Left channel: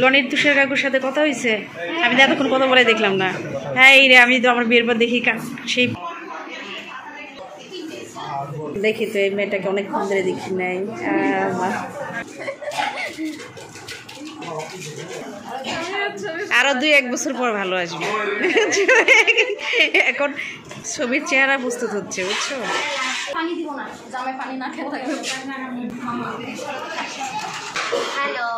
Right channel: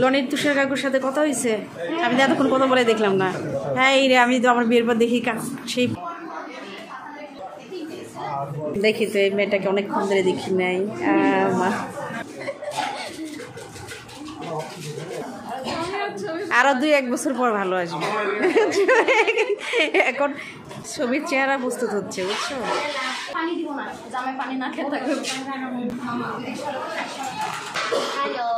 লনির তুষার কাকুর সাথে কথা হয়েছে? আমি তো এতক্ষণ কথা বলে দেখলাম না। হ্যাঁ এই রে, আমি তো আমার বিয়ের পর দেখি সেই দেখি তো এই মেয়েটাকে অনেকক্ষণ ধরে দেখি নাই। আরো 2-1 বছর পর ভালো আসবে। এখন ছবির চেহারা প্রস্তুত হচ্ছে, বুঝছো? পানি দিব না, জামাই পানি না খেতে থাকে। হ্যালো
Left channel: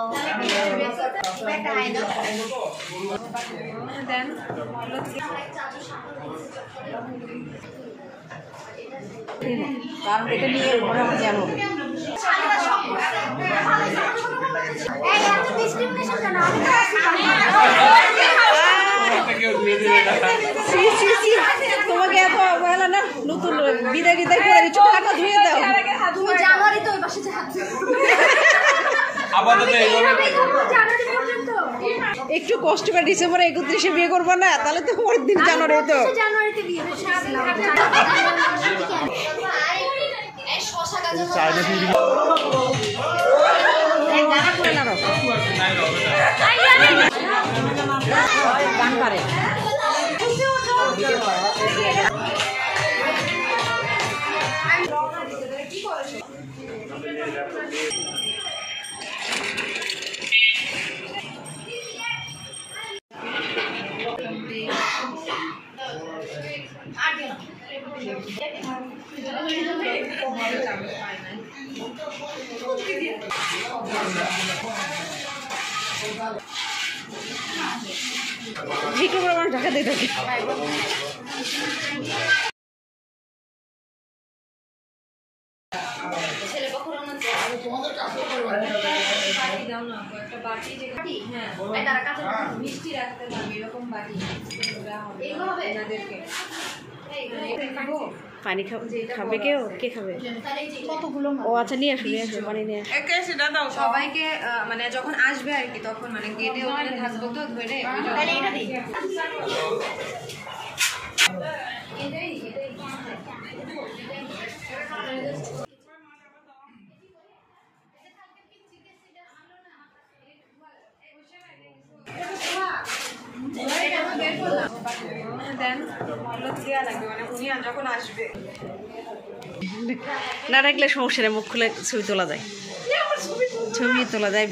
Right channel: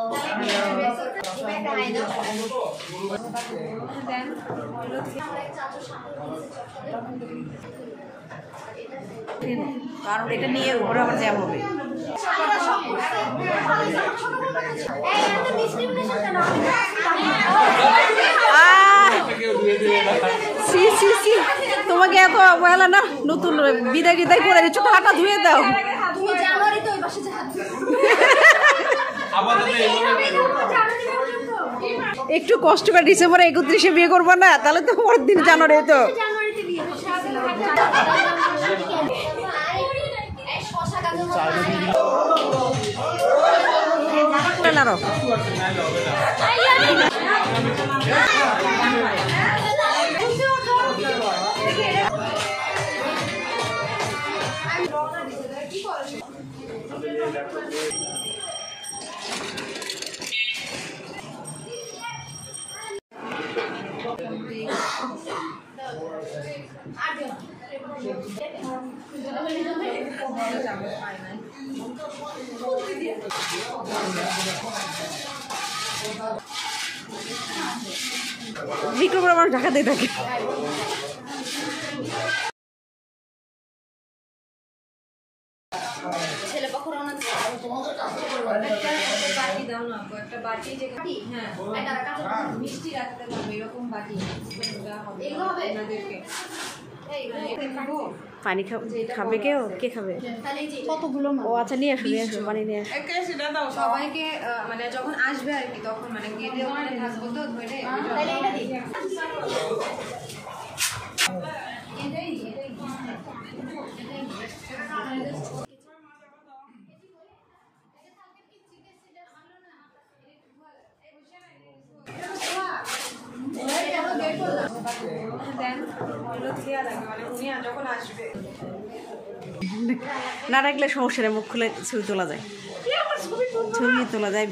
দেন কারণ এটা নিয়ে ঘরে আমার জ্যাম হবে। তোমাকে এত বলা না, নতুন বিদায় বিদায় করে দিচ্ছ, হাতটা ধুয়ে দাও। একটু কষ্ট করে ডিসেম্বরে 31-এ বিয়ে করবো না, তাহলে তো পরের দিন জানুয়ারি তো। বিক্রম আমার ঢাকা দিয়ে থাকে। পানি খাবে কেউ? কে খাবে? ও আচ্ছা, নিয়ে আসো নিয়ে আসো, পানি নিয়ে আসো। সবাইকে মানে যখন আসবে আর কি, তখন মানে গেটে ওখানে থাকবো তো ধরে। না রাখলে সমস্যা নেই, মুখ খুলে ছবি তোলা যায়, ছবি তোলা যায়।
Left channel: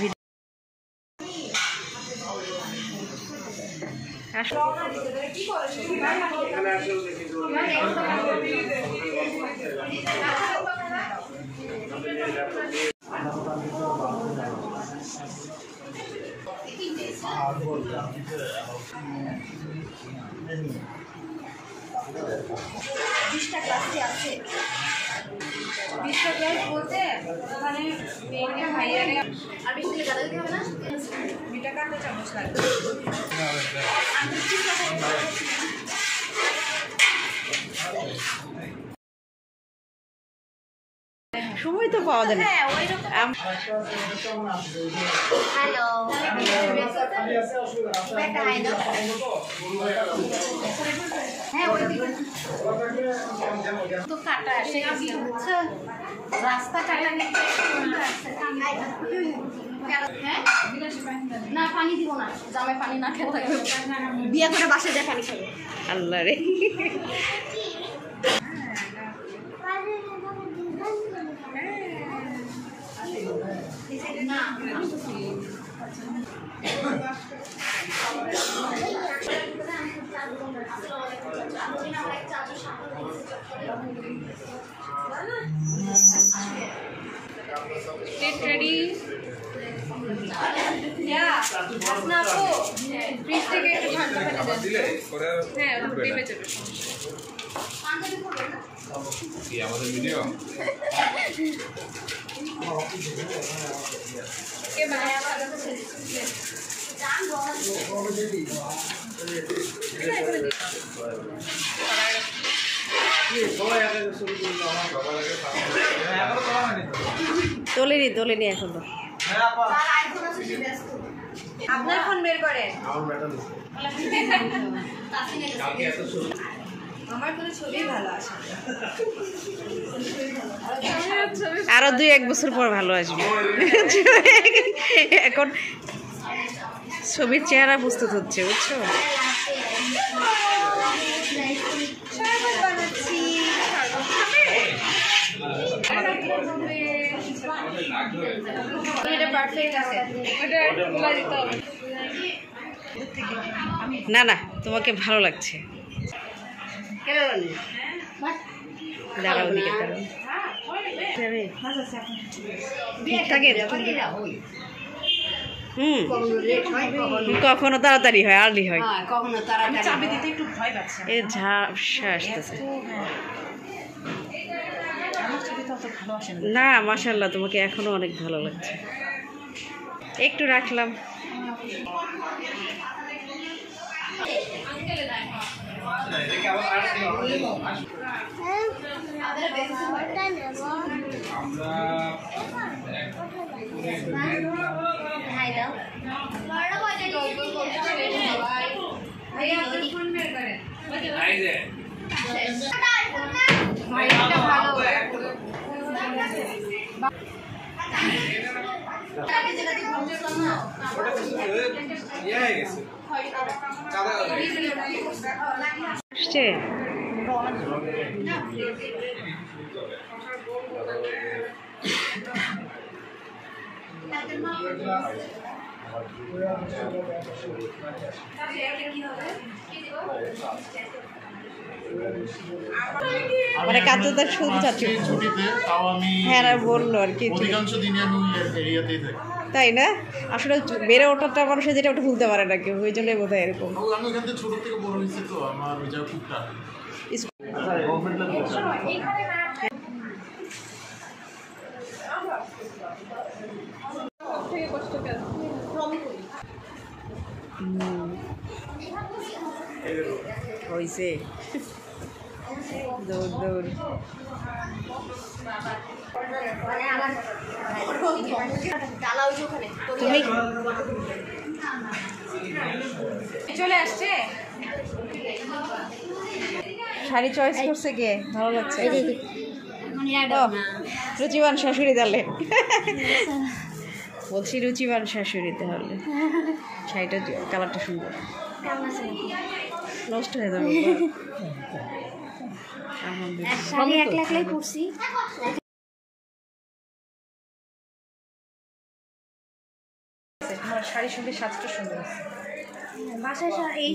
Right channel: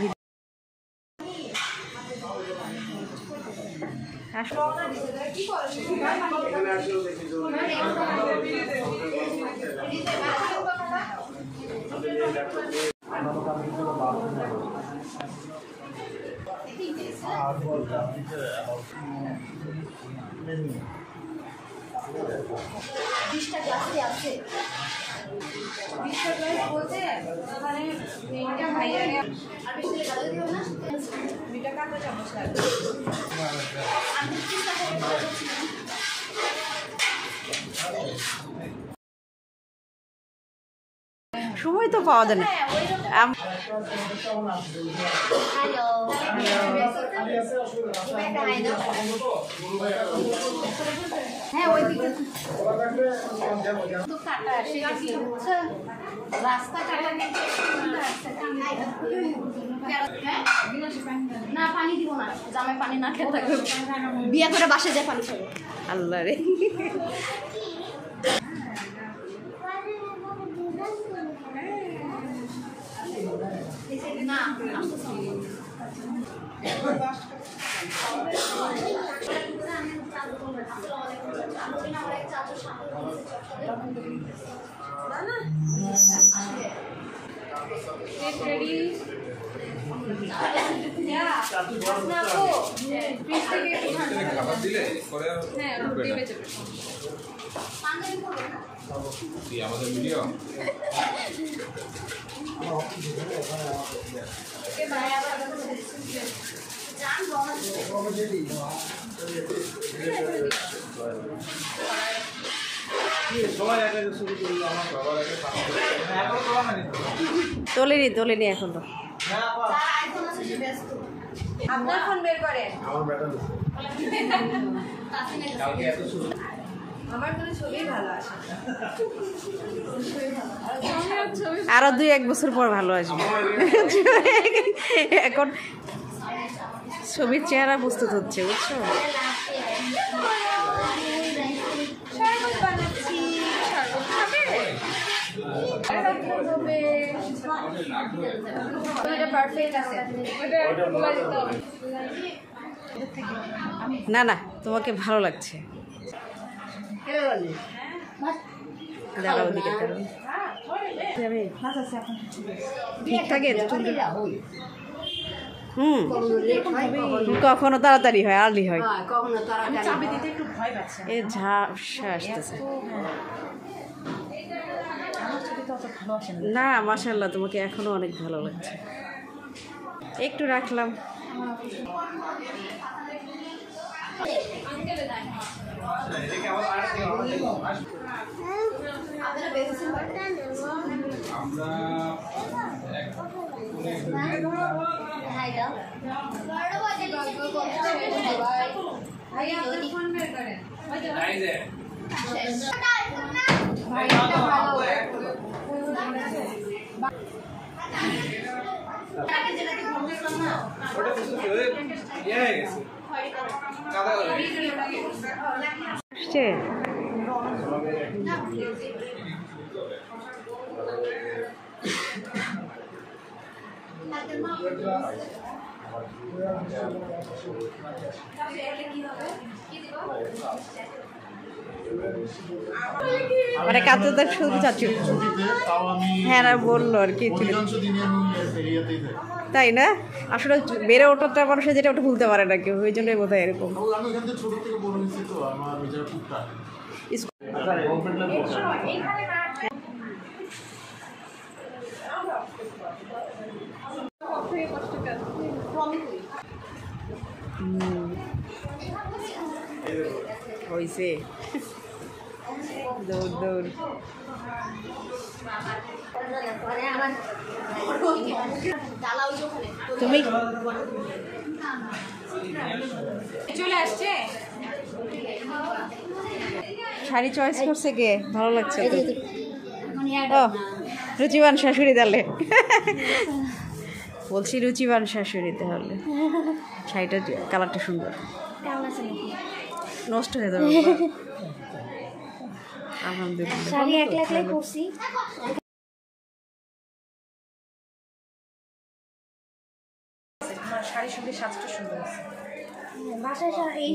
সময় তো পাওয়া যায় না। হ্যালো রাস্তা না, পানি দিব না, জামাই পানি না খেতে থাকে। বিয়ে করে বাসায় যায় পানি খাবে। আল্লাহ রে, Get ready. আপনা আপু ফ্রিজ থেকে একটু ঠান্ডা পানি দেন। হ্যাঁ, রুটি বেঁচে যাবে। কি আমাদের ভিডিও? কে বানায় আপনাদের জান বনা তোলেনি এখন তো। আপনার ফোন বের করেন। আমার কোনো ছবি ভালো আসে। আরো 2-1 বছর পর ভালো আসবে। এখন ছবির চেহারা প্রস্তুত হচ্ছে, বুঝছো? না না, তোমাকে ভালো লাগছে। দাঁড়াও, দিকে দাঁড়াও। ঠিকঠাক কখনো তাড়াতাড়ি হয়, আর্লি হয়। এ ঝাপসা আসতেছে। না মাশাআল্লাহ, তোমাকে এখনো অনেক ভালো লাগছে। একটু রাখলাম। মানে কাছে তো শুনতে চাচ্ছি ছুটিতে, তাও আমি হ্যাঁ বললো আর কি, অধিকাংশ দিনে আমি এরিয়াতেই থাকি। তাই না? আসলে বেড়ে ওঠাটা মানুষের যেটা ওটা ভুলতে পারে না কেউ, ওই জন্যই বোধ হয় এরকম। আমি ওখান থেকে ছোট থেকে বড় হয়েছি, তো আমার ওই জায়গা খুব টান। হয়েছে দৌড় দৌড়। তুমি চলে আসছে। শাড়ি চয়েস করছে কে? ভালো লাগছে। ও রুচিবান শাশুড়ি তাহলে। বলছি রুচিবান শাশুড়ি তাহলে। শাড়িটা কালারটা সুন্দর। নষ্ট হয়ে যাবে। আলহামদুলিল্লাহ। শাড়ি একলা একলাই পরছি। শাড়ির সঙ্গে সাজটা সুন্দর আছে।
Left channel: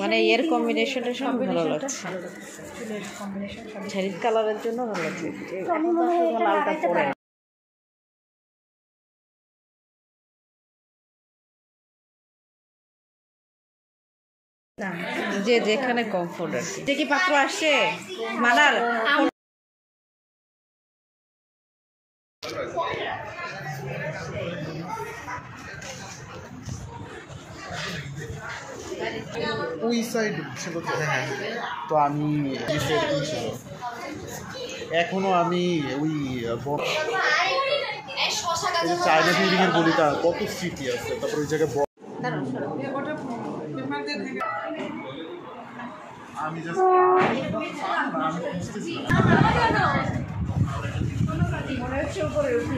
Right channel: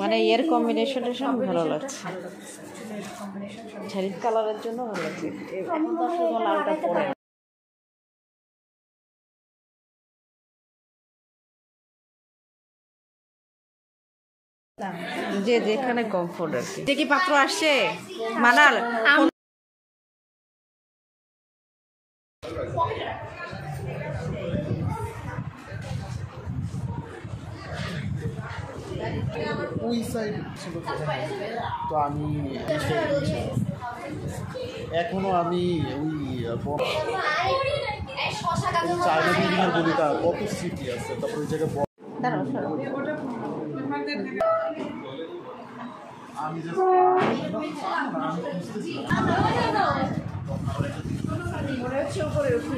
মানে এর কম্বিনেশনটা ভালো লাগছে। শাড়ির কালারের জন্য ভালো লাগছে। এখন তো আসলে লালটা পরে না। যে যেখানে কমফোর্ট আর কি। কি পাত্র আসছে মানার? ওই সাইড হ্যাঁ, তো আমি এখনো আমি ওই চায়না বিল্ডিংয়ের গলিটা কত স্মৃতি আছে, তারপর ওই জায়গায় আমি জাস্ট আমি খুঁজতেছিলাম। মনে হচ্ছে উপরে উঠি।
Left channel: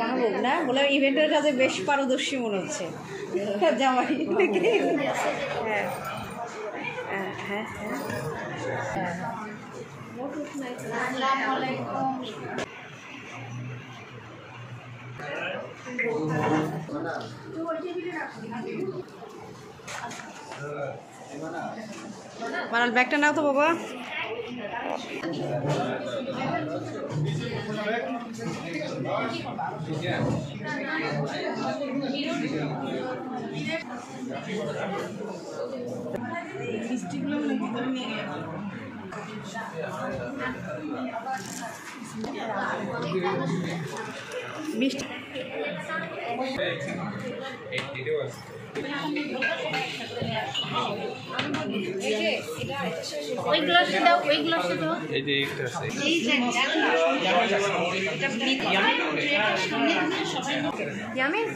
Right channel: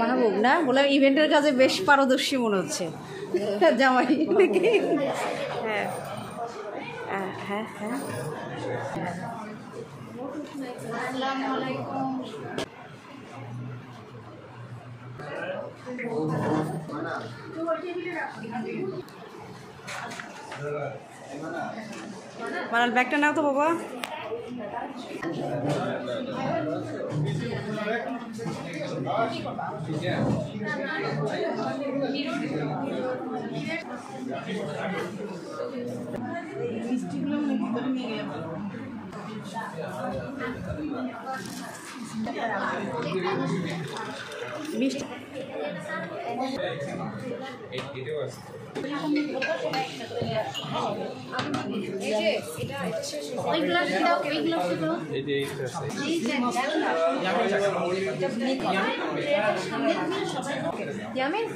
মাহবুব না বললাম, ইভেন্টের কাজে বেশ পারদর্শী মনে হচ্ছে জামাই। হ্যাঁ হ্যাঁ হ্যাঁ। মানাল ব্যাগটা নাও তো বাবা। মিষ্টি এটাও আছে ওই গ্লাসে দাও, ওই গ্লাসে দাও। এই যে এটা আছে ইয়ামিন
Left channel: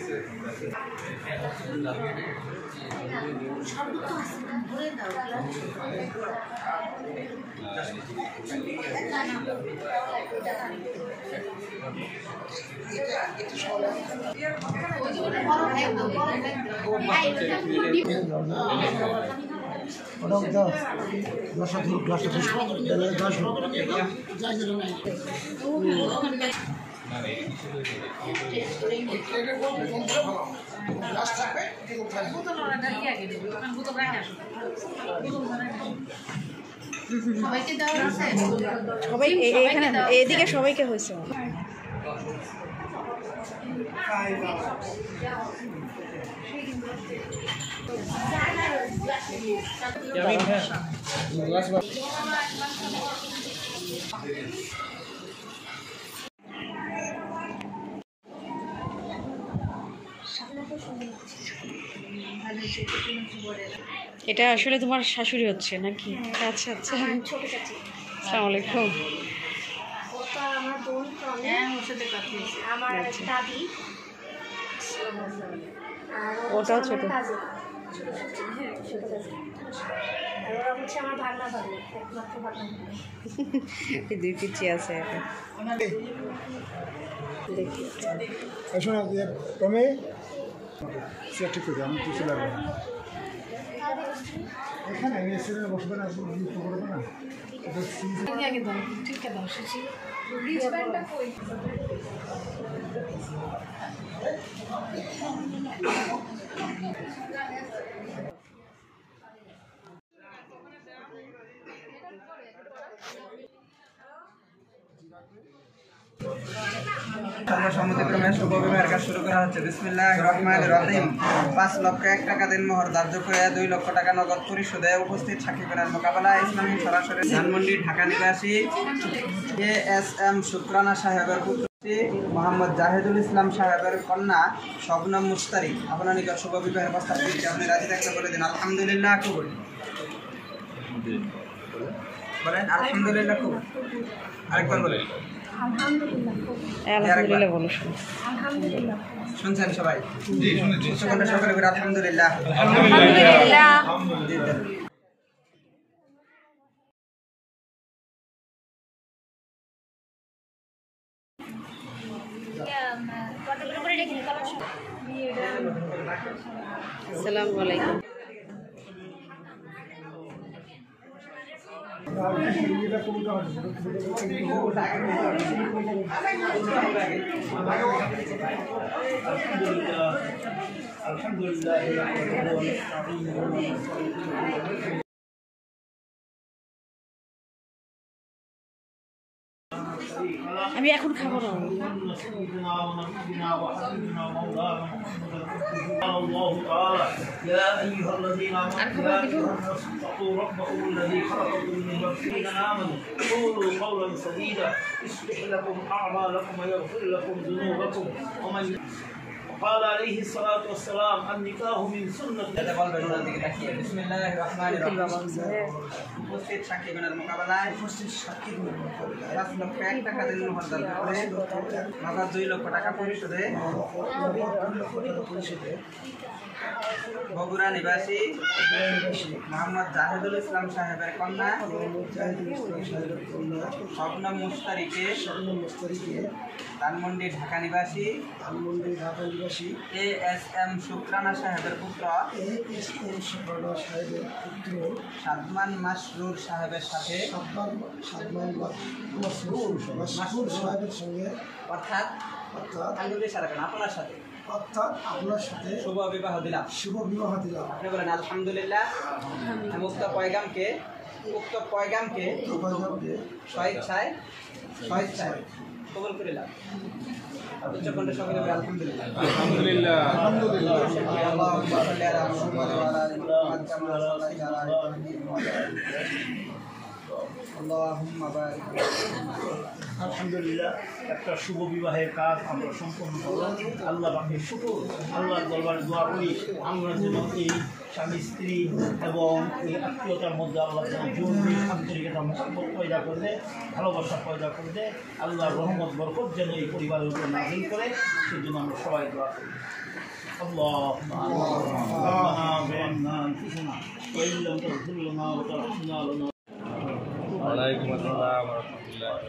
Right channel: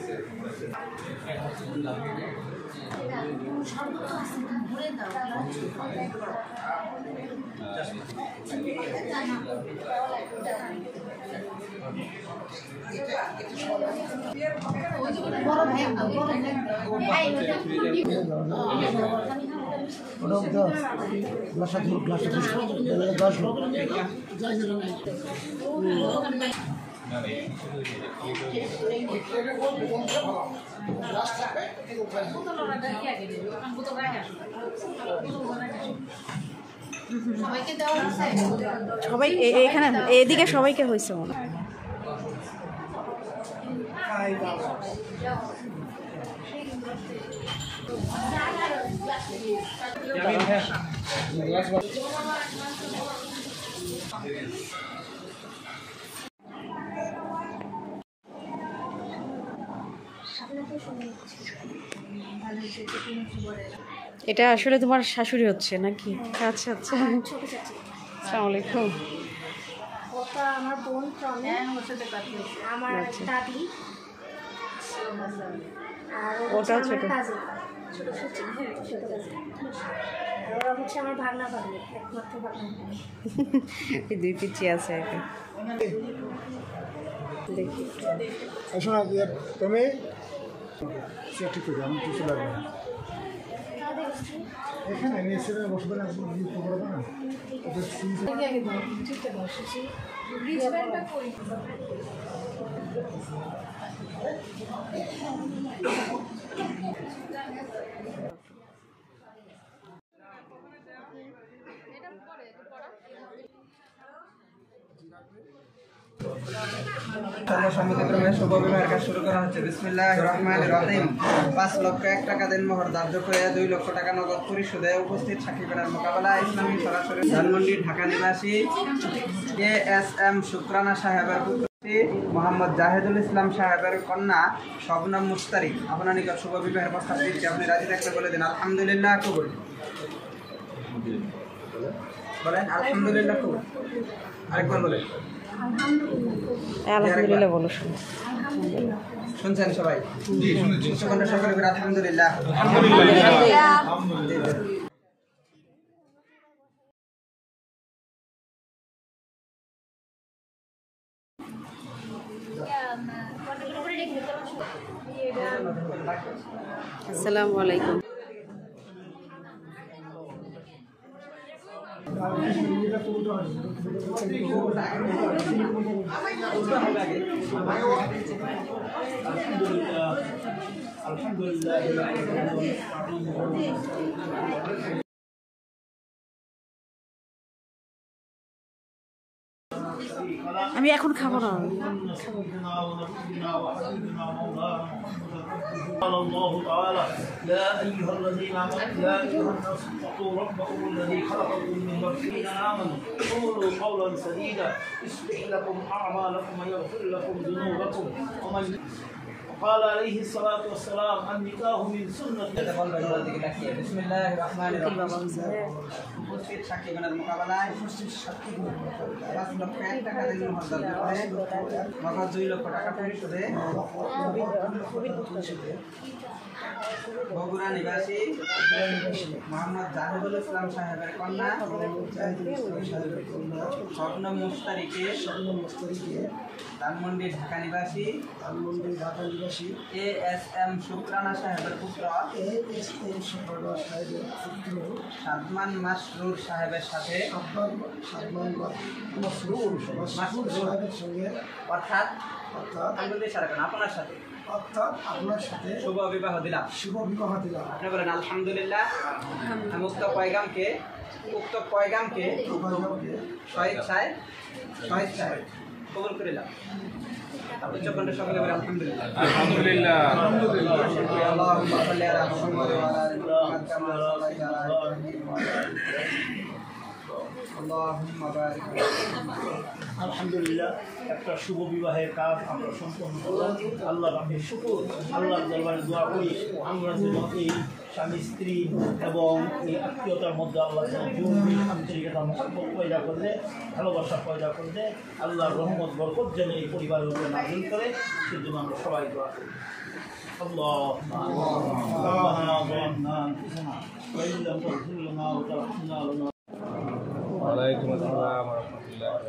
সবাই এখানে এদিকে সবাইকে হয়েছে এটা আসলে তোমার শাশুড়ি হচ্ছে নাকি? আচ্ছা আচ্ছা, আসসালামু আলাইকুম। ওটা আমার বোন চলে, আমার আচ্ছা। দাদি, আর ওটাও ছোট। ছোট cousin, হ্যাঁ ছোট cousin। আর ওরা হচ্ছে আমার ভাগনা ভাগ্নি, একমাত্র ভাগনা ভাগ্নি। দুই পিচি আছে এটা দেখি। শোনো তুমি সেটা ঠিক করে আমি কিছু লাগবে না এখানে এসে বসবে না করবে না সমুদ্রক্রমে শুভ বিবাহের কাজ শুরু করা হচ্ছে। বিসমিল্লাহির রহমানির রহিম। 5 লক্ষ 1 টাকা দিন মোহর ধার্য করে 2 লক্ষ টাকা নগদ পরিশোধে উপস্থিত সাকিবের মোকাবেলায় ইসলামী সরাসরি ধানমন্ডি ঢাকা নিবাসী ASM শুকরানা সাহেবের পুত্র মোহাম্মদ জাহেদুল ইসলাম সাহেবের কন্যা শবনম মুস্তারি আপনার নিকট শুভ বিবাহের প্রস্তাব দিচ্ছি। আপনি রাজি থাকলে বলে দিন আলহামদুলিল্লাহ কবুল। বলেন আলহামদুলিল্লাহ কবুল। আরেকবার বলেন আলহামদুলিল্লাহ বলো। আলহামদুলিল্লাহ। শুনছেন সবাই? জি শুনেছি সকলে বলে আলহামদুলিল্লাহ। আসসালামু আলাইকুম। আমি এখন খাবো না। قال الله تعالى يا أيها الذين آمنوا يا أيها الناس اتقوا ربكم الذي خلقكم من نفس آمنوا قولوا قولا سديدا يصلح لكم أعمالكم ويغفر لكم ذنوبكم ومن قال عليه الصلاة والسلام النكاح من سنة বিসমিল্লাহির রহমানির রহিম। উপস্থিত সাকিবের মোকাবেলায় 5 লক্ষ 1 টাকা দিন মোহর ধার্য করে নগদ 2 লক্ষ টাকা পরিশোধে বগুড়া নিবাসী মোহাম্মদ জাহেদুল ইসলাম সাহেবের কন্যা শবনম মুস্তারিকে ধানমন্ডি ঢাকা নিবাসী ASM শুকরানা সাহেবের পুত্র সাদমান মাসরুর সাহেবের সাথে অর্থাৎ আপনার সাথে শুভ বিবাহ দিলাম। আপনি বলেন আলহামদুলিল্লাহ। আমি উক্ত পয়গামকে স্বেচ্ছায় কবুল করে নাও। আপনি চোখে সকলে বলে আলহামদুলিল্লাহ। আলহামদুলিল্লাহ। আলহামদুলিল্লাহ। আল্লাহুম্মা সাল্লি আলা মুহাম্মাদ ওয়া আলা আলি মুহাম্মাদ কামা সাল্লাইতা আলা ইব্রাহিম ওয়া আলা আলি ইব্রাহিম। আল্লাহুম্মা বারিক। আলহামদুলিল্লাহ, একটা শুভ বিবাহের কাজ আমরা সম্পন্ন করব। আল্লাহ পাকের শুকর, আল্লাহর দরবারে দোয়া করি আমরা যেন এই স্বামী স্ত্রী এবং এই আত্মীয়তার মধ্যে আল্লাহ যেন জরুরি আন্তরিকতা মহব্বত পয়দা করবে, ভালোবাসা পয়দা করবে, আল্লাহর রহমত বরকত যেন এই পরিবারের উপরে নাজিল করে, সেজন্য আমরা সবাই দোয়া করি। اللهم ربنا ظلمنا انفسنا وان لم تغفر لنا وترحمنا لنا ওয়ালাইকুম আসসালাম ওয়া রাহমাতুল্লাহি ওয়া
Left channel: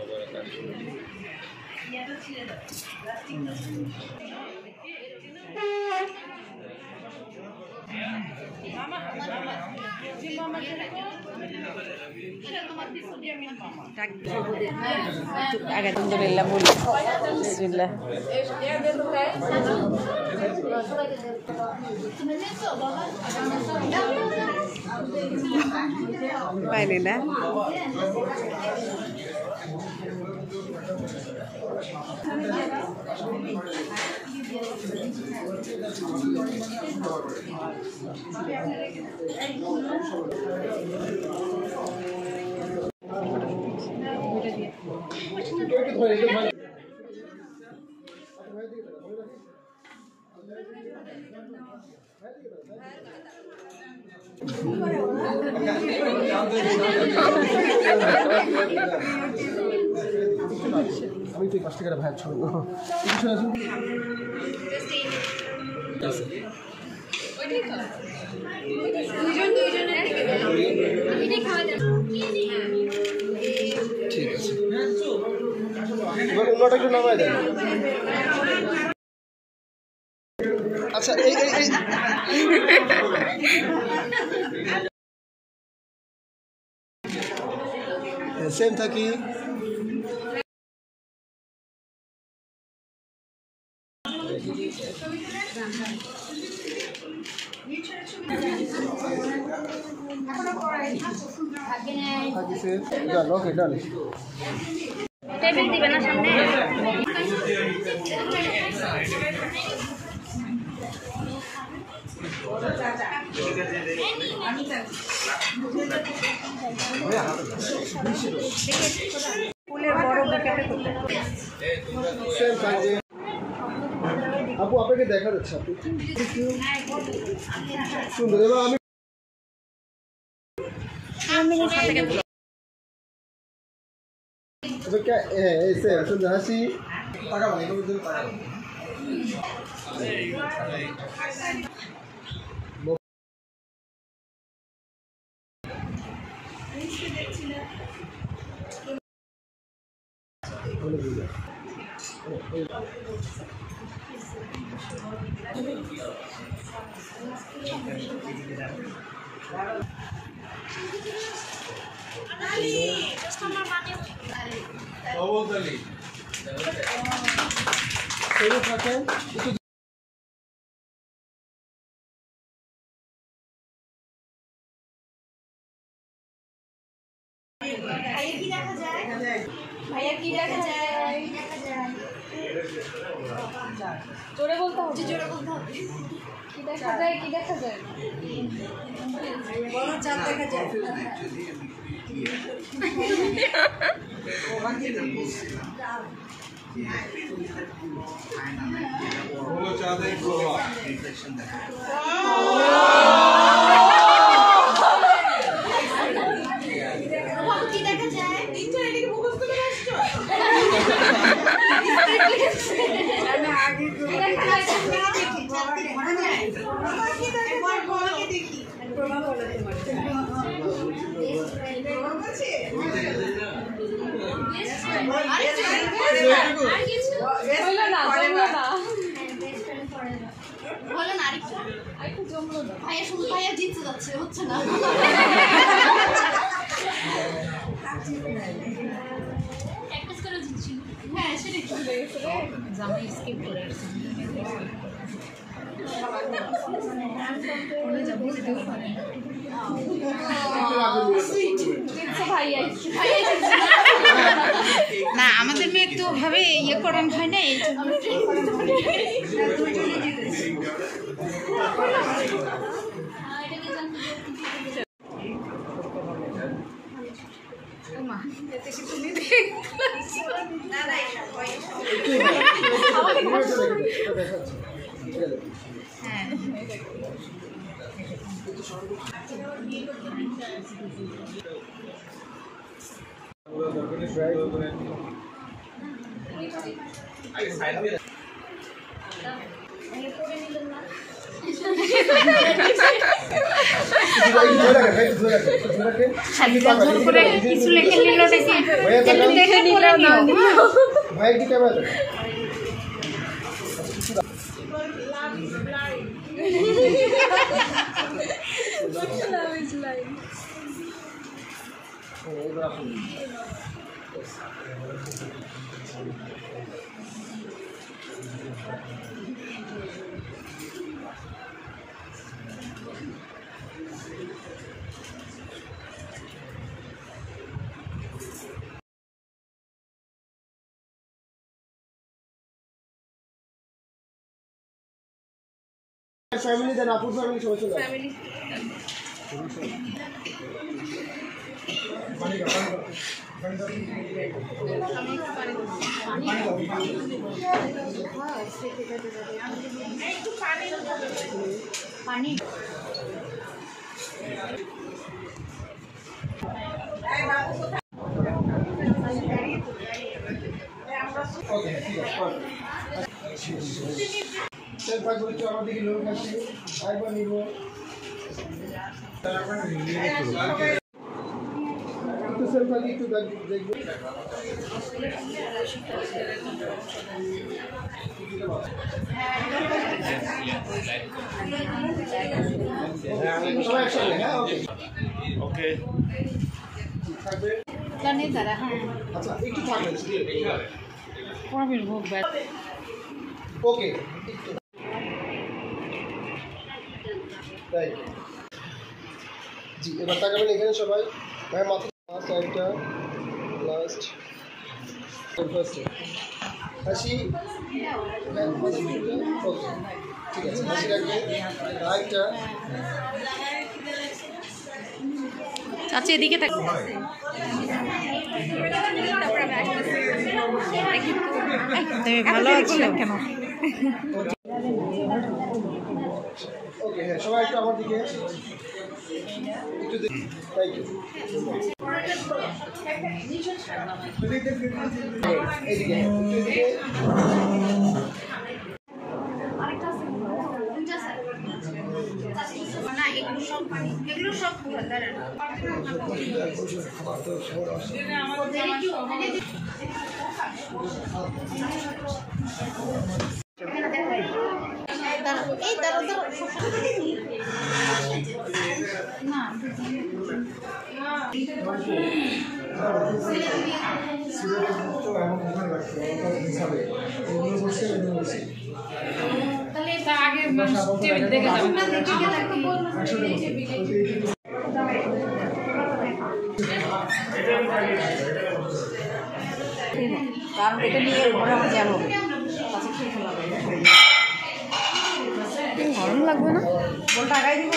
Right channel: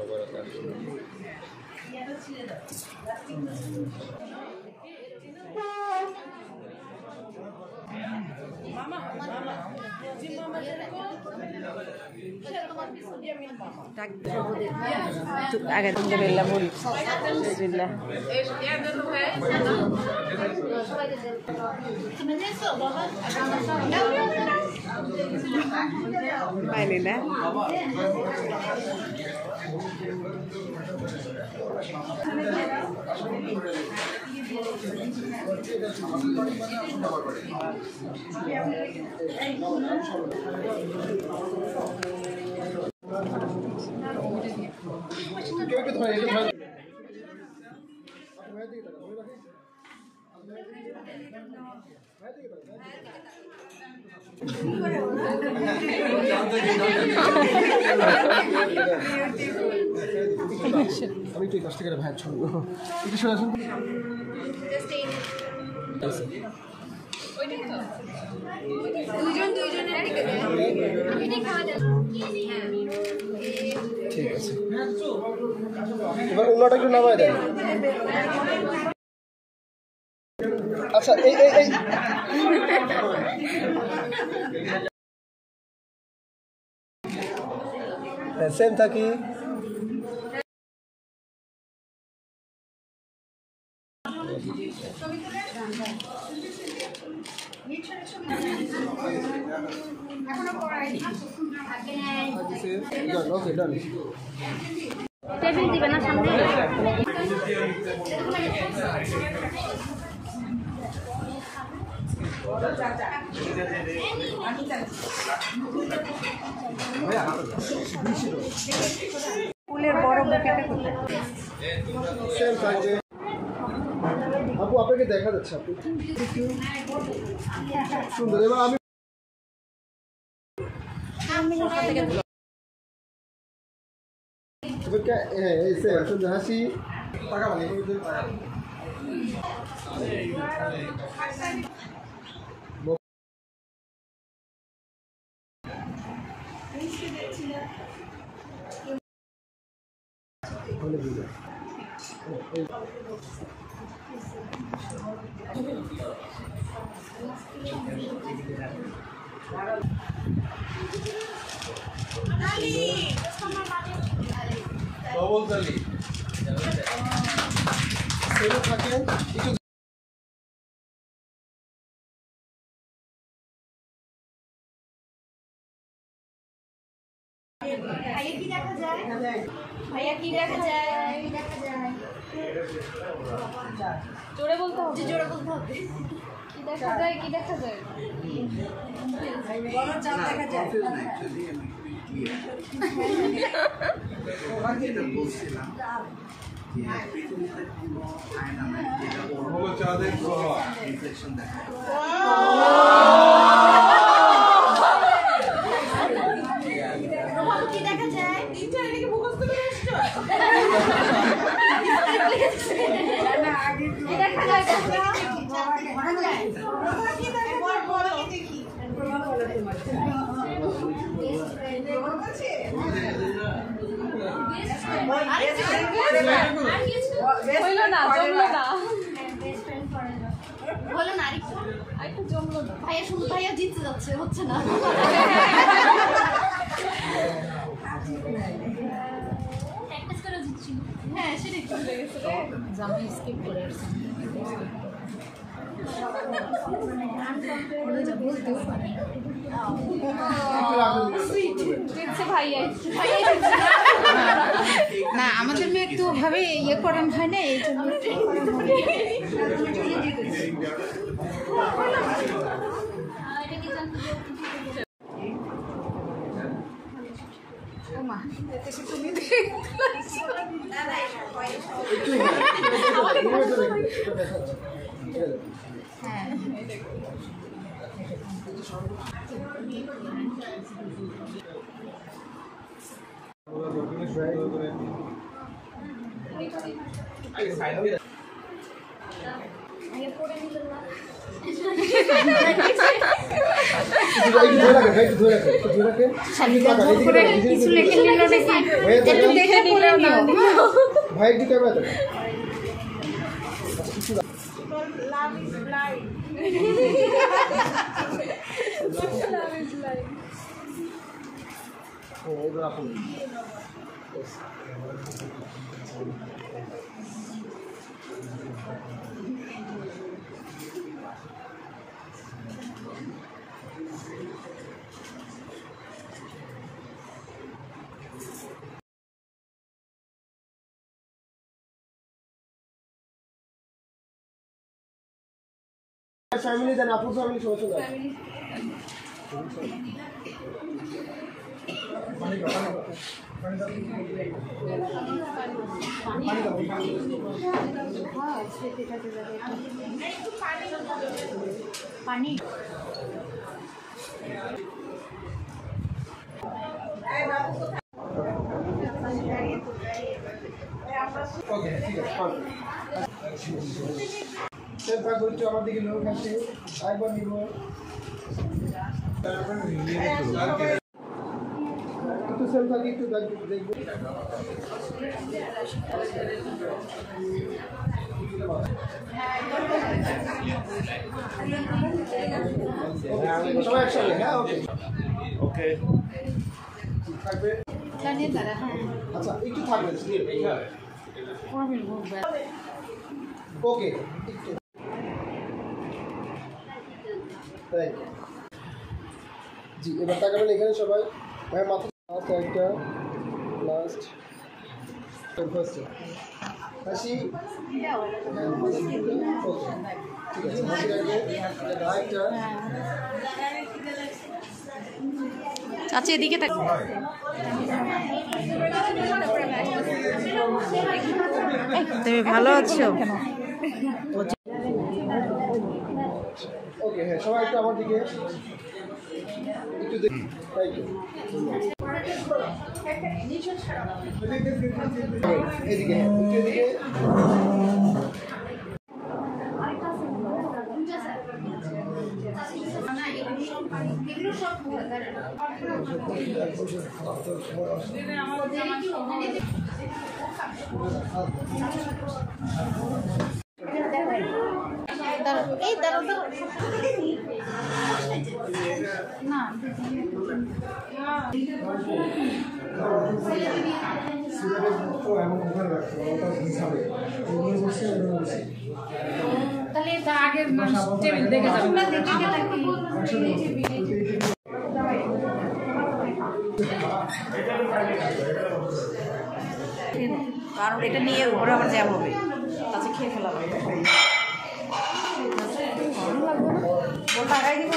আগে আলহামদুলিল্লাহ বলি বিসমিল্লাহ। পাইলি না আমি তো 10 টাকার ভাই ছড়ব ঠিক আছে। এবার অন্যটা একটু নামায় দেন। আচ্ছা এই সেম থাকি। টেবিল দিবে না সামনে। সেম থাকবে। আপু আপনাকে দেখা যাচ্ছে, আপনি সুন্দর। এবার আমি সুন্দর হাসি টাকা থাকেন একটু জোরে বলতে হবে, জোরে বলতে হবে। কি দেখা যায়, কি দেখা যায়? বড় চাঁদ দেখা যায়। কি দেখা যায়? তিনটা এদিকে মুখস্থ করে আসছো। কি দেখা যায়? হইলো না, জমলো না। বলো না আরেকটু জমলো না। ভাইয়া শুধু ভাইয়া জিততে যাচ্ছে, হচ্ছে না। প্র্যাকটিস করে জিতছি। হ্যাঁ সেটাই চলে গেছে। জামাই স্কিপ করে আসছে। ভাইয়া না আমাদের তুমি একটু ভাবে ইয়ে করেন হয় না এই জন্য হ্যাঁ কিছু লেখে নিল দেখে নিল ভাই একটু ক্যামেরা ফ্যামিলি দেন আপুর ফ্যামিলি সবাই চলে পানি ওকে ঠিক আছে সেল ভাগ করতে আমার দিকে লোক আছে একবার নিব একটু সেল ভাগ একটু দেখবো সবাই একসাথে হ্যাঁ ওকে ওকে থাকবে আচ্ছা একটু থাকবে ওকে তাই জি এবার তাকাবেন এখানে সবাই ভাই মাথা লাস্ট একটা লাস্ট ফার্স্ট হাসি ওকে ঠিক আছে হাসি রাখবে আরেকটা চাচি এদিকে তাক তুমি ভালো আছো কেন ওকে হ্যাঁ সবাই একটু আমার দিকে একটু দেখি থ্যাংক ইউ এইদিকে এইদিকে এগুলো সব তাহলে তার আগের টেবিল দেখে যাবেন কারণ এটা নিয়ে ঘরে আমার যাবো কাছে খেয়ে ফেলাম ভালো লাগবে না টাকাই দিব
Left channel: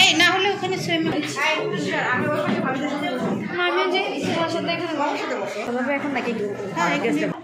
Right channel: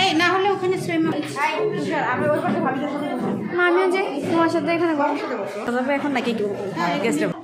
এই না হলে ওখানে আমি যে তোমার সাথে এখানে তবে এখন নাকি একটু গেস্ট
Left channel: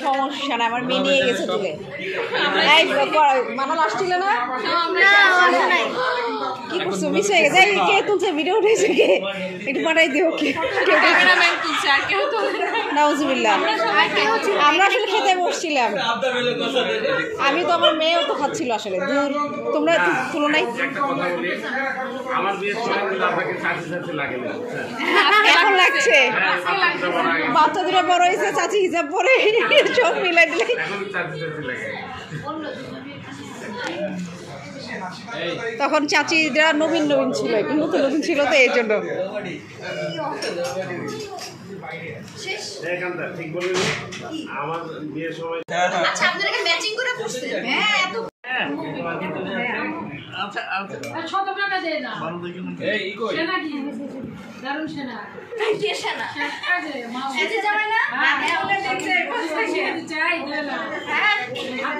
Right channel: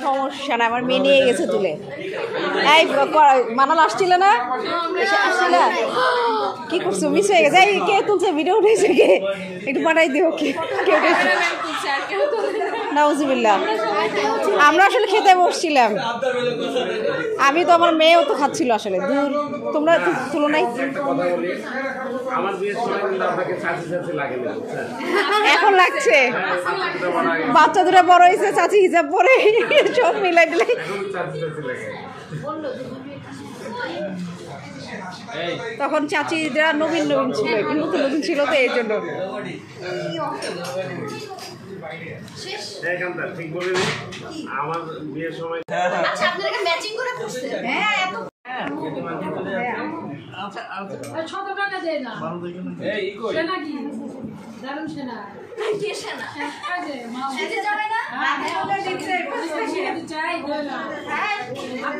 সমস্যা না আমার মেয়ে নিয়ে গেছে তুলে এই মানাল আসছিল না কি করছো মিস হয়ে গেছে কে তুলছে ভিডিও উঠেছে কে একটু পাঠাই দিও কে নাউজুবিল্লাহ আমরা আসলে খেতে বসছিলাম আমি তো আমার মেয়েও তো খাচ্ছিল আসলে দূর তোমরা তুলো নাই আমার বিয়ের সময় আপনাকে 60 লাগে না এখন লাগছে বাচ্চা দুটো বড় হয়েছে চাচি হিসাব পরে সব মিলাই দিলে তখন চাচিরা নবীন নবীন ছিল একটু নতুন নতুন ছিল তো এই জন্য আমার বিয়ের সময় আচ্ছা আপনারা ম্যাচিং করে বসতে হ্যাঁ এত ছোট টাকা দেয় না এই কই সেনা কি দারুণ সেনা দিয়ে সেনা কাজে মা এসে যাবে না হ্যাঁ ওটা দেখতে চাই বললাম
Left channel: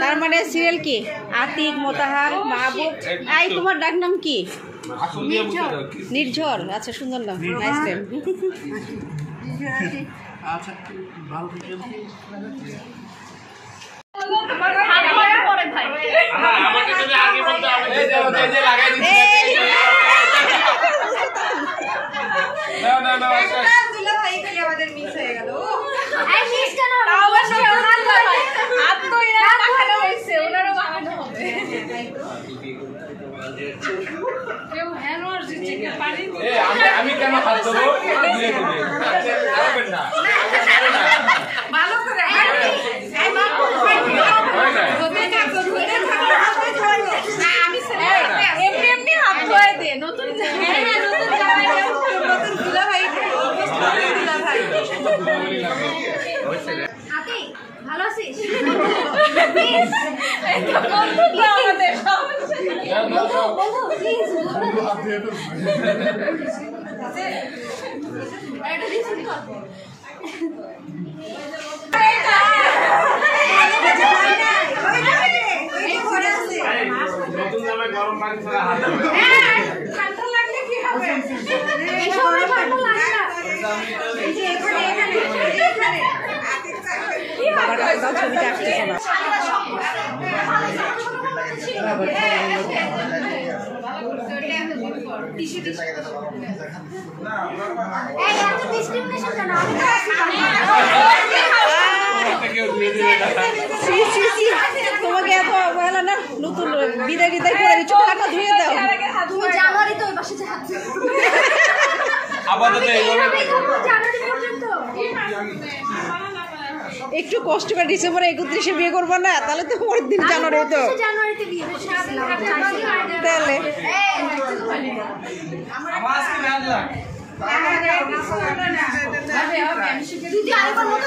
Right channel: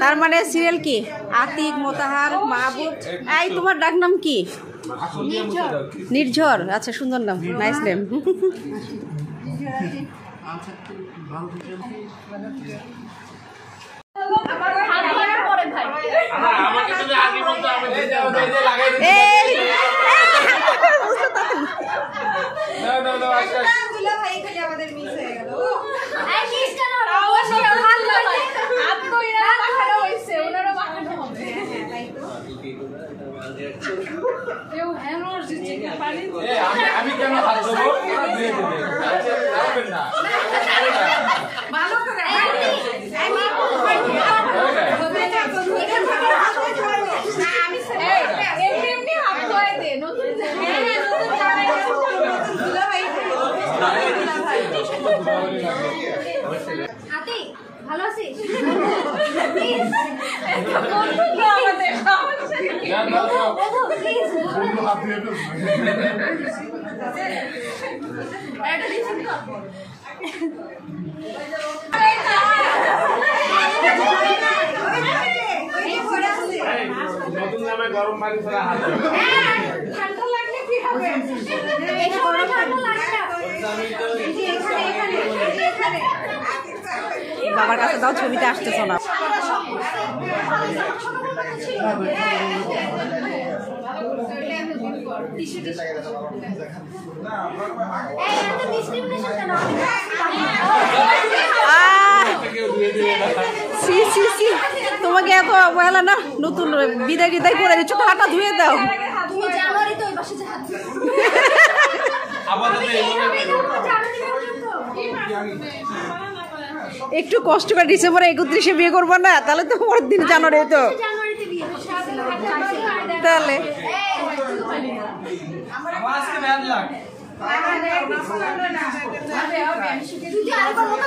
তার মানে সিরিয়াল কি আতিক মোতাহার মাহবুব এই তোমার ডাক নাম কি নির্ঝর আচ্ছা সুন্দর নাম নাইস নেম আচ্ছা ভালো থাকবেন পরে ভাই আমাকে যদি আগে বলতো আমি যে লাগাই দিচ্ছি না দুলা ভাই খালি আমাদের মিস হয়ে গেল এই মিসটা না অবশ্যই হাত লাগাই হাত তো এরা টাকাটা হইছে ওনারও বানানো হবে কেউ হ্যানোর দিচ্ছে পানি এই আমি কেন হাত দেবো দিয়ে দিবে যাবেন না ভালো করে এই মা ধুতে থাকো না আমি এমনি এমনি হাত ধুয়ে দে নতুন হ্যাঁ নতুন জামাই নতুন দুলা ভাই দুলা ভাই আতি ভালো আছিস নতুন জামাই গরম পানি করে হাত ঠান্ডা লাগলে কি হবে এই সময় ঠান্ডা লাগে না বাবার কাছে দাও ছবিটা আসতেছে না এই এত ডিসক্রিমিনেশন কেন সি সি সি তোমাকে এত বলা না নতুন বিদায় বিদায় করে দিচ্ছ হাতটা ধুয়ে দাও তুমি জানুয়ারি তো ওই পাশে যে হাত আপাতত জানুয়ারি পর্যন্ত একটু কষ্ট করে ডিসেম্বরে 31-এ বিয়ে করবো না তাহলে তো পরের দিন জানুয়ারি তো জানুয়ারিতে বিয়ে তাহলে আমার আজকে ব্যাড লাগ যদি আরেকবার মতো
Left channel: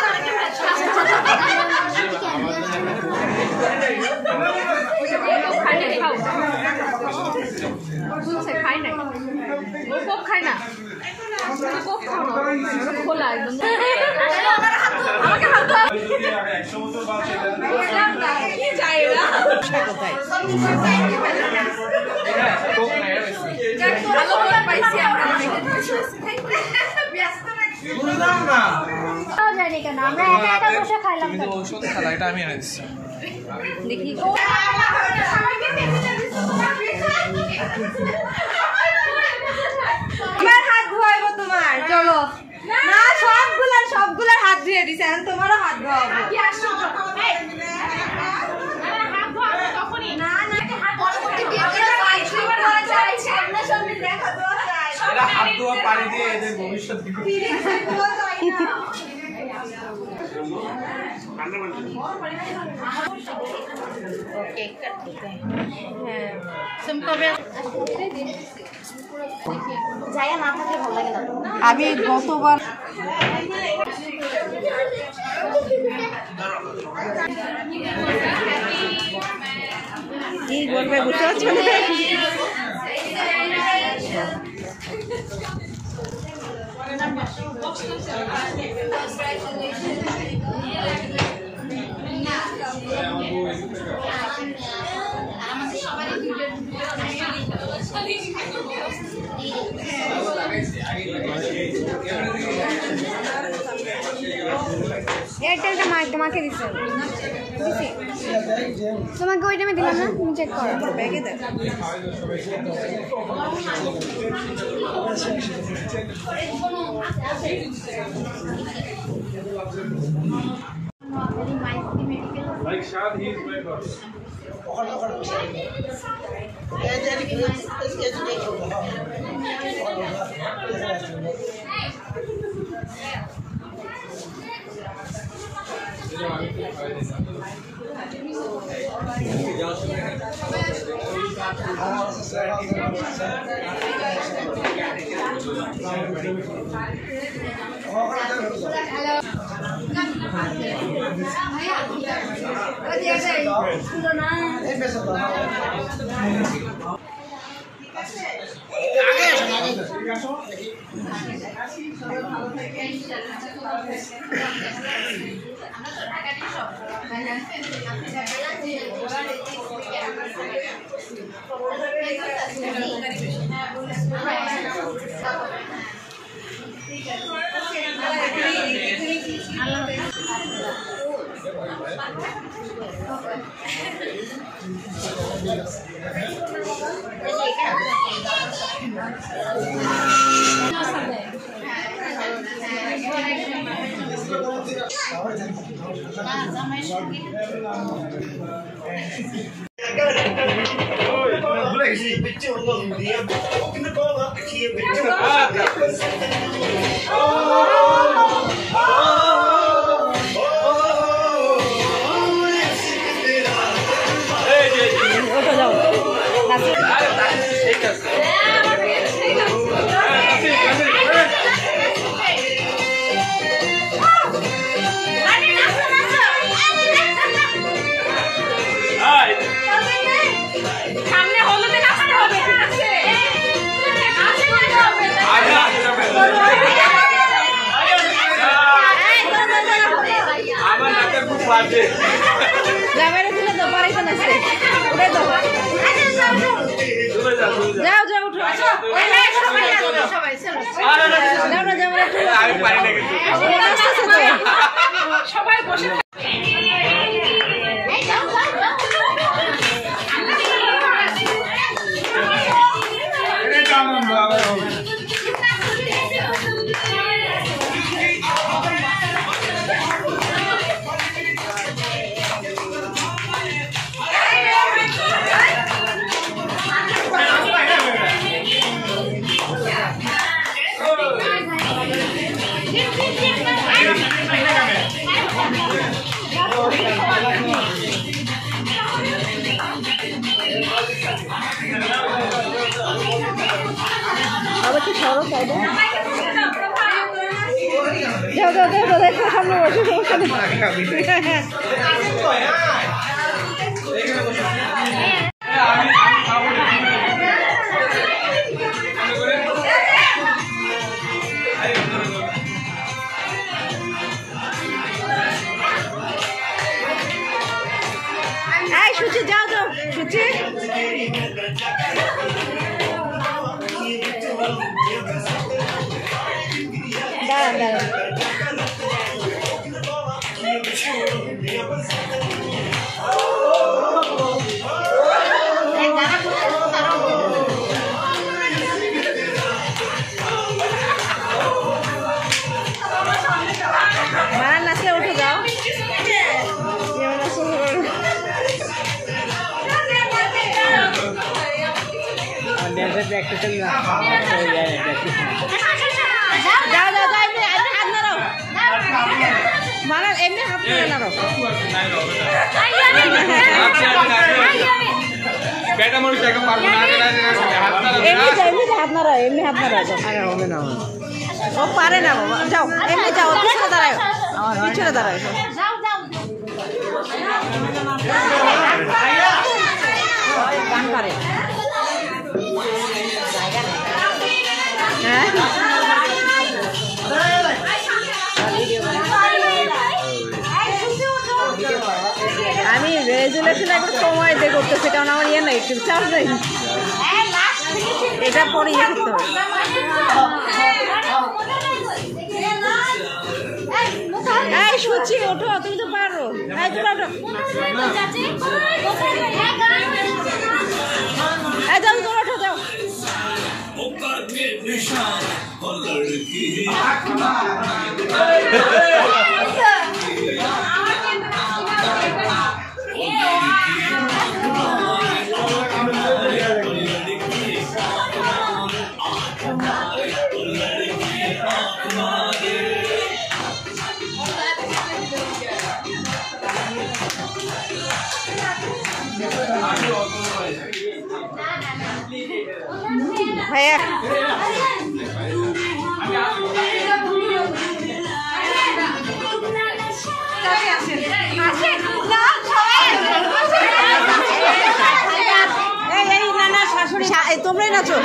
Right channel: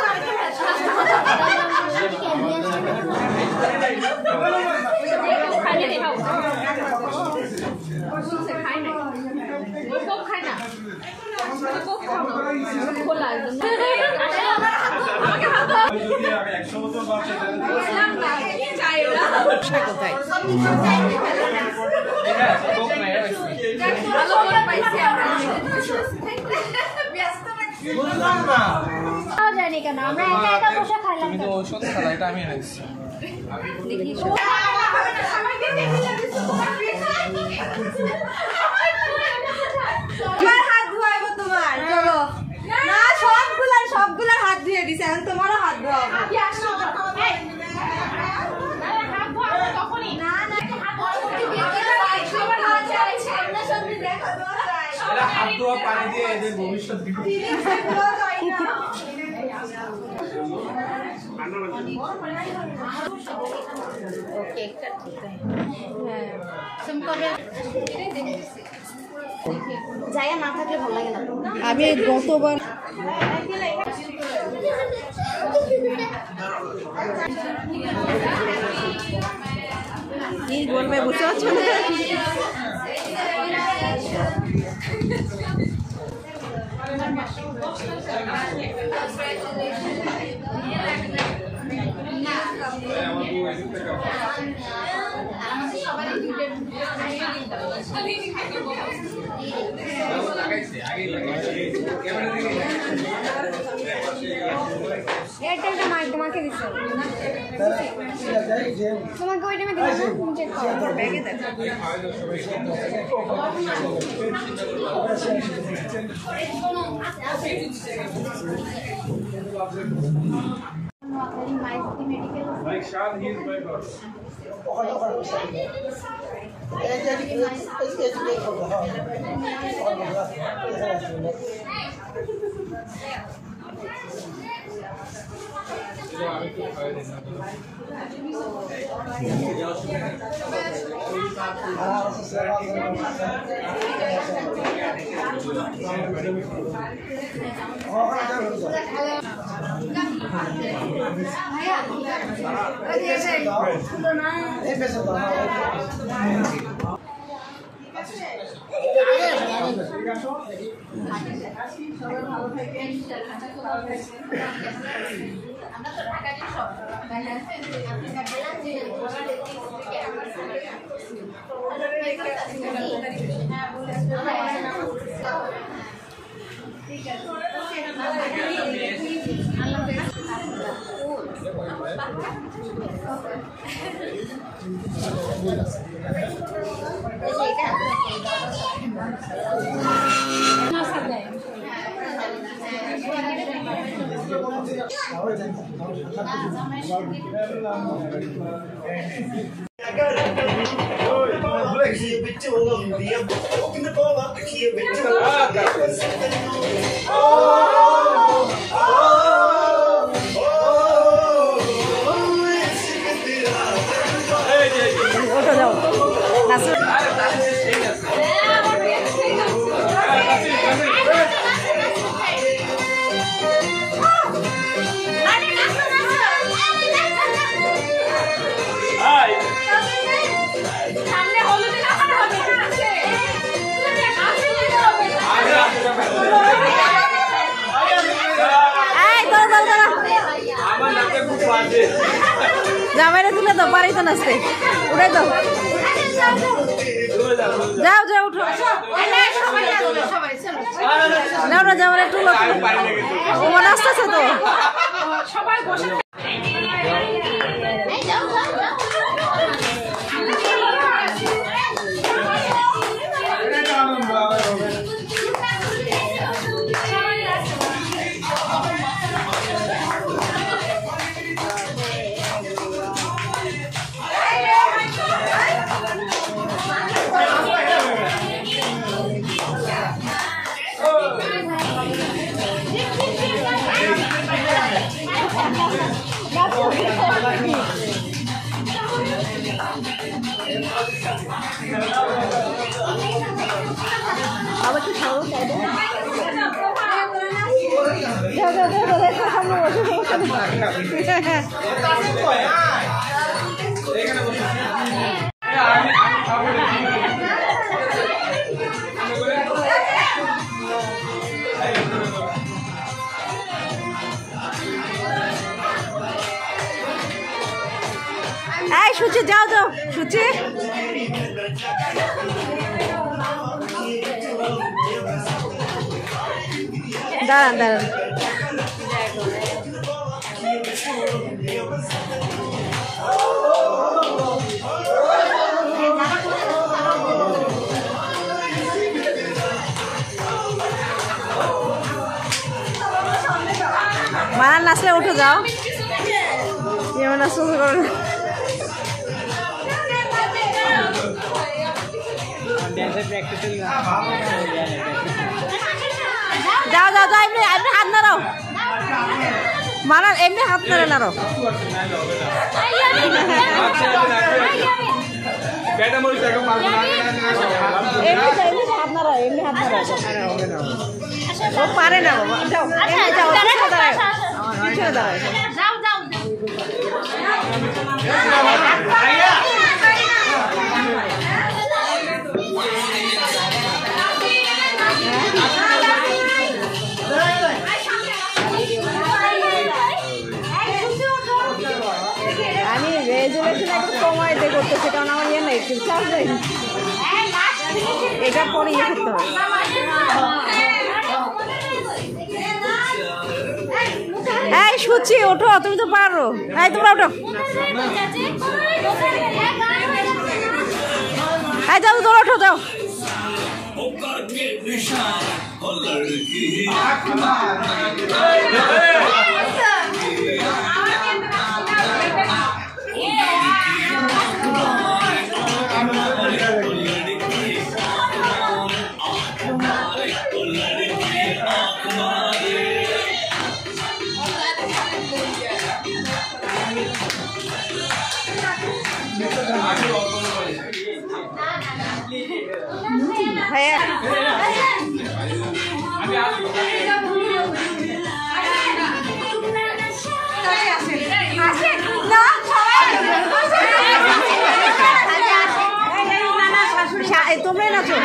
খাই না খাই না খোলা একদম আমাকে হাত দাও কোথায় ভালো করে পাইছি আমরা জানি কেন আমরা একা একা বসে খাইলাম তুমি তো ঔষধ খালা এটা আমি এনে দিচ্ছি দেখি হাত ধোয়াবো তোমার চলো না সবগুলা হাত ধুয়ে দিছে এখন তোমারও হাত ধোয়াবো হাত ধোয়া পানি দিয়ে এদের ভবিষ্যৎ জায়গা না থাকলে ভালো লাগে না আমি গতবার কি বলবে বুঝতে পারছো না এয়ারটেলটা তোমাকে দিচ্ছি তোমাকে ওই টাইমে দিলাম না তুমি চেক করো Like Shad, he is my brother. ওটা যাও নাচে সামনে হলুদে নাচতে হবে, ঠিক আছে? জামাইরে তুলে দাও, পারি তো নাচতে, উড়ে দাও, যাও যাও উঠো, যাও না জামাইরে তুলো, তোমার নাচতেছে তো সবাই বসে আবার কি সরো সাইডে যাও যাও যাও যাও দেখো সামনে বসে সমস্যা নেই এই সুচি যাও যাও সুচি দাঁড়ান দাঁড়ান মারা নাচলে উঠে যাও নাচো যাও যাও যাও এমনি এমনি হাত নাড়াও মারা এমনি হাত নাড়াও এমনি হাত নাড়াও ও পারে না বাবা যাও এমনি যাও পিছনে দাঁড়ায় পিছনে দাঁড়ায় আমি রেজুলেশন একটু সময় দিয়ে করতেছি কারণ আমার ইয়ে নাই চার্জ নেই এটা পরে ইয়ে করতে হবে এই সুচি ওঠো তুমি তো পারো এই তোমরা ওঠো এই যাও তোমরা ওঠো যাও ভাইয়া তোমরাই নাচো।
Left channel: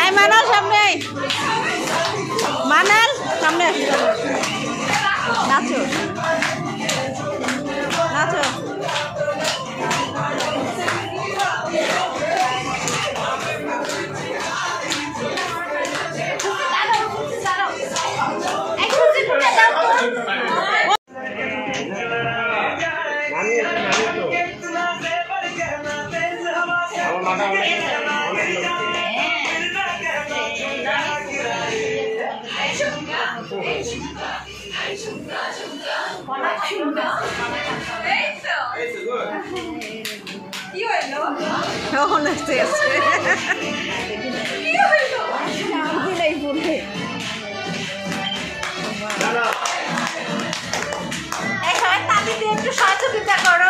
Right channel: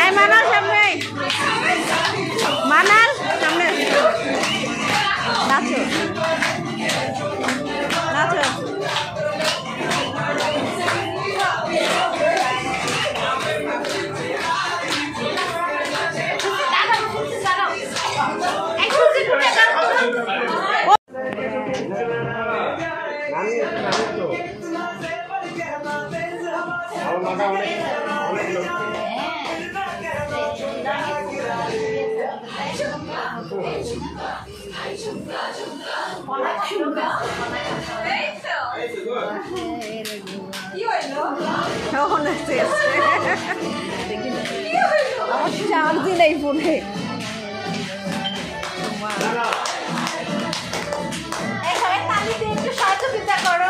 এই মানাল সামনে, মানাল সামনে নাচো নাচো। একটু সহযোগিতা করো।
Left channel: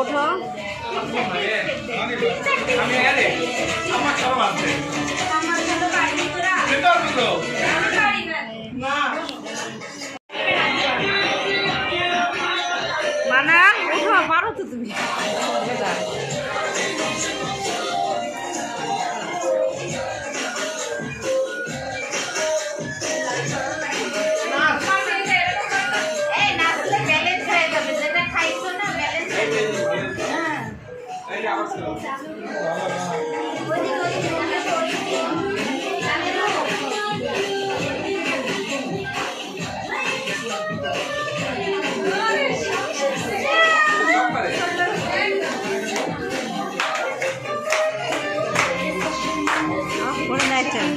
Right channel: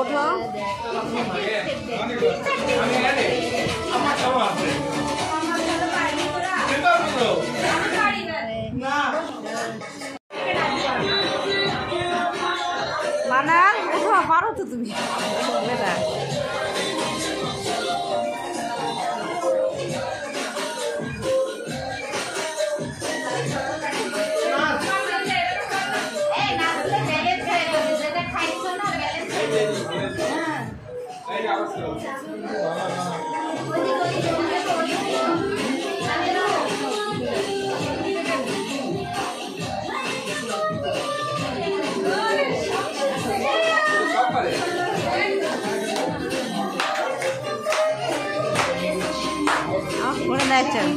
ওঠো মানা ওঠো, পারো তো তুমি বেটা। করে নাচেন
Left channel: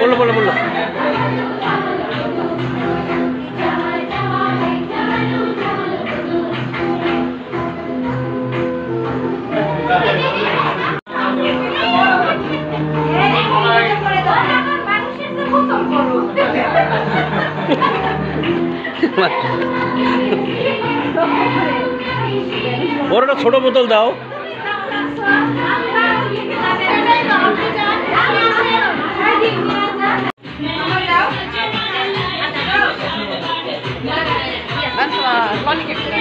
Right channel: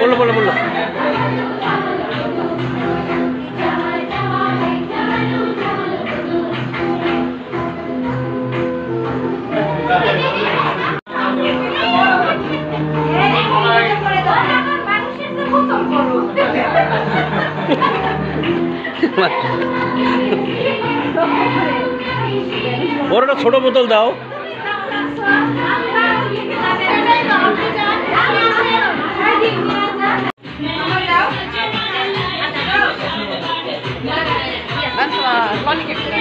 বললো বললো বললো বড়টা ছোট বোতল দাও Lolli